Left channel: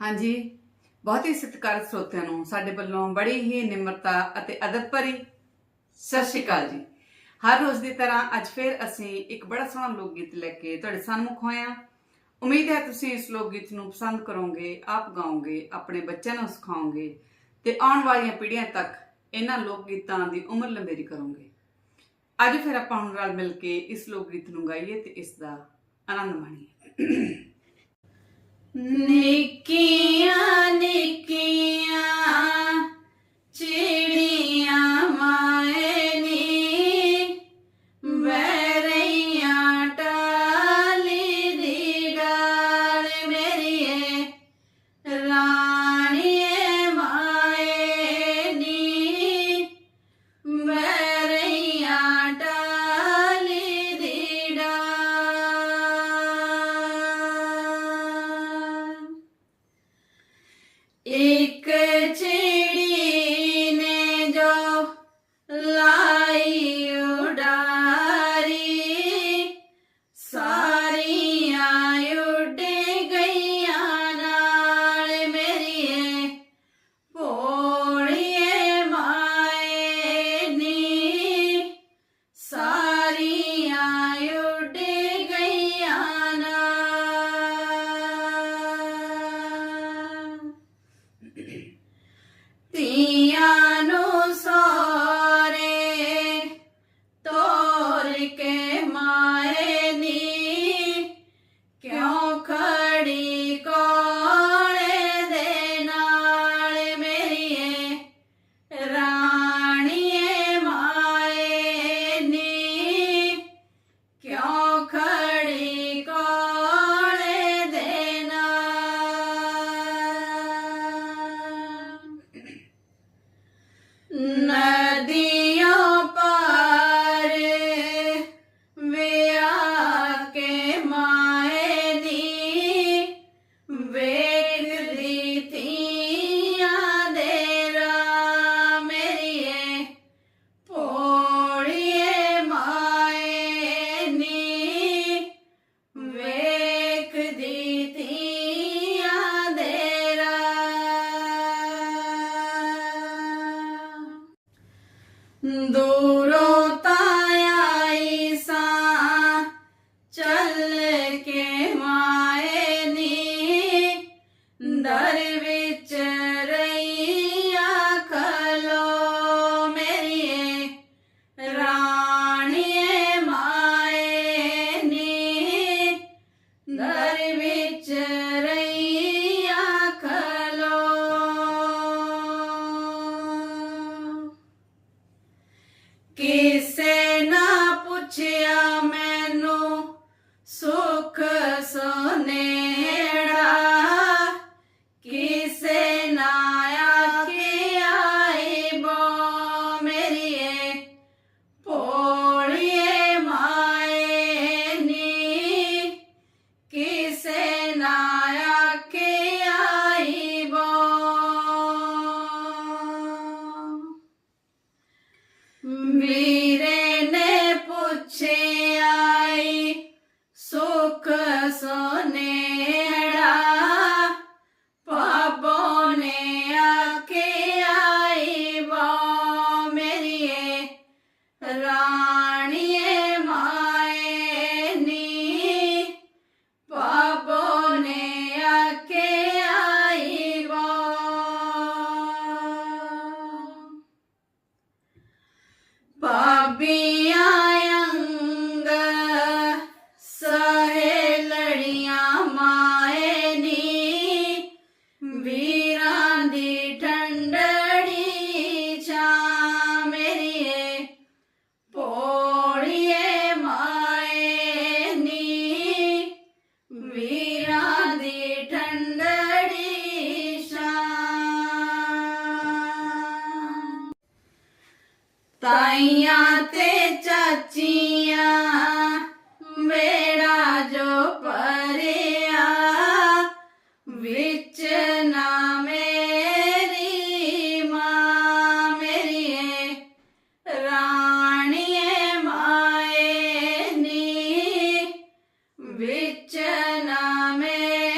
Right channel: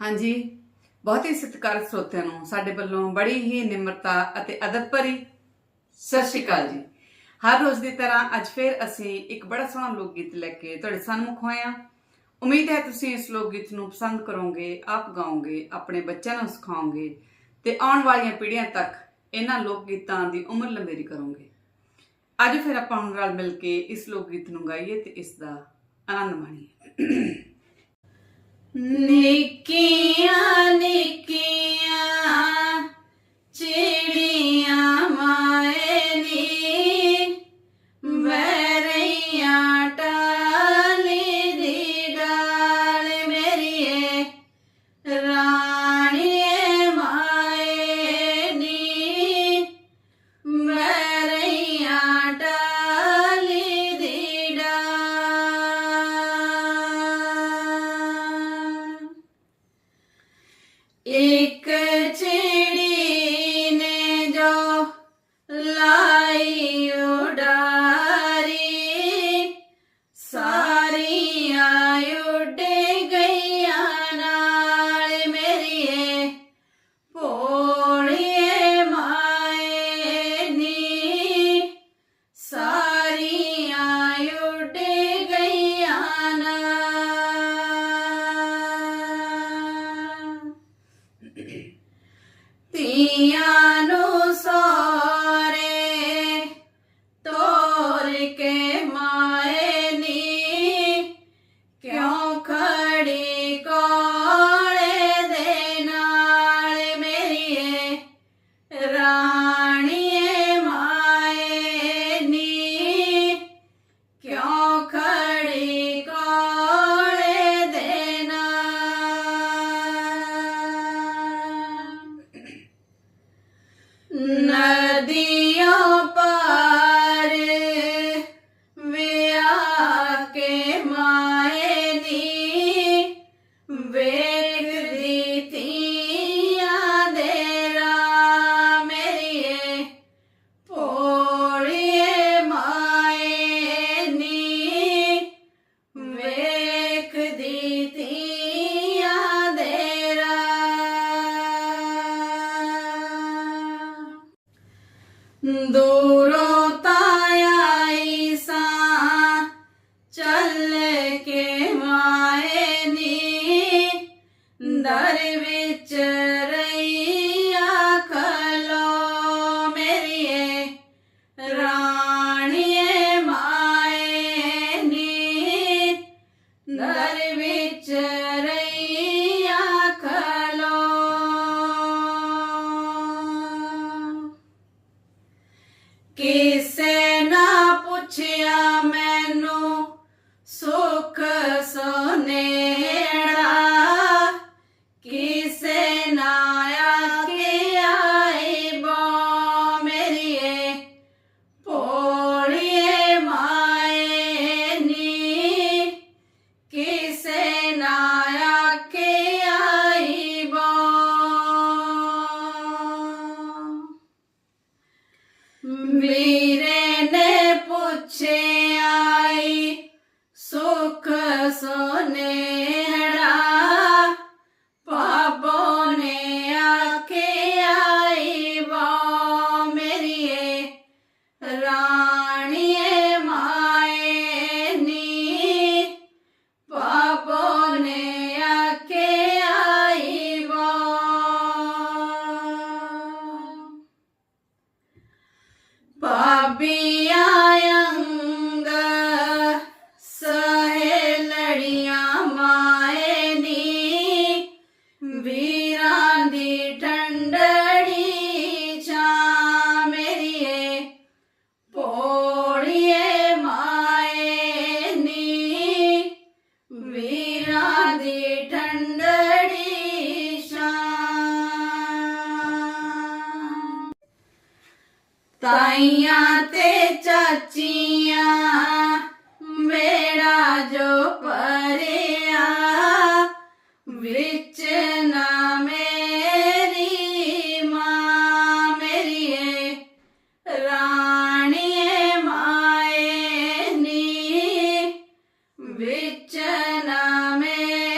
ਹਾਂਜੀ। ਬਹੁਤ ਹੀ ਸਤਿਕਾਰਤ ਸਰੋਤਿਆਂ ਨੂੰ ਸਾਡੇ ਵੱਲੋਂ ਬੜੀ ਹੀ ਨਿਮਰਤਾ ਅਤੇ ਅਦਬ ਭਰੀ ਸਤਿ ਸ਼੍ਰੀ ਅਕਾਲ ਜੀ। ਹਰ ਰੋਜ਼ ਦੀ ਤਰ੍ਹਾਂ ਅੱਜ ਫਿਰ ਅਸੀਂ ਇੱਕ ਬੜਾ ਸੋਹਣਾ ਲੋਕ ਗੀਤ ਲੈ ਕੇ ਤੁਹਾਡੇ ਸਾਹਮਣੇ ਹੋਏ ਹਾਂ। ਉਮੀਦ ਹੈ ਤੁਸੀਂ ਇਸ ਲੋਕ ਗੀਤ ਨੂੰ ਪਸੰਦ ਕਰੋਗੇ, ਆਪ ਗਾਓਗੇ, ਆਪਣੇ ਬੱਚਿਆਂ ਨੂੰ ਸਿਖਾਓਗੇ ਤੇ ਆਉਣ ਵਾਲੀਆਂ ਪੀੜ੍ਹੀਆਂ ਤੱਕ ਇਹਨਾਂ ਲੋਕ ਗੀਤਾਂ ਦੀ ਉਮਰ ਲੰਬੇਰੀ ਕਰੋਗੇ। ਅੱਜ ਫਿਰ ਆਪਾਂ ਹੁਣ ਨਾਲ ਮਿਲ ਕੇ ਇਸ ਲੋਕ ਗੀਤ ਨੂੰ ਗਾਈਏ ਤੇ ਇਸ ਦਾ ਆਨੰਦ ਮਾਣੀਏ। ਨਿੱਕੀਆਂ ਨਿੱਕੀਆਂ ਨਦੀਆਂ ਪਾਰ ਵਿਆ ਕੇ ਮਾਏ ਨੀ, ਵੇਖਦੀ ਤੀਆਂ ਦੇ ਰਾ ਮੇਰੀਏ, ਭੋਲੀਏ ਮਾਏ ਨੀ, ਵੇਖਦੀ ਤੀਆਂ ਕਿਸੇ ਨਾ ਪੁੱਛਿਆ ਮੈਨੂੰ ਸੁਖ ਸੋਨੇ। Mire. ਤਾਈਆਂ ਤੇ ਚਾਚੀਆਂ, ਮੇਰਾ ਜੋ ਪਰਿਆ ਵਿੱਚ ਨਾ ਮੇਰੀ ਮਾਂ ਮੇਰੀ ਏ ਰਾਣੀਏ ਮਾਏ ਨੀ, ਵਿੱਚ ਨਾ ਮੇਰੀ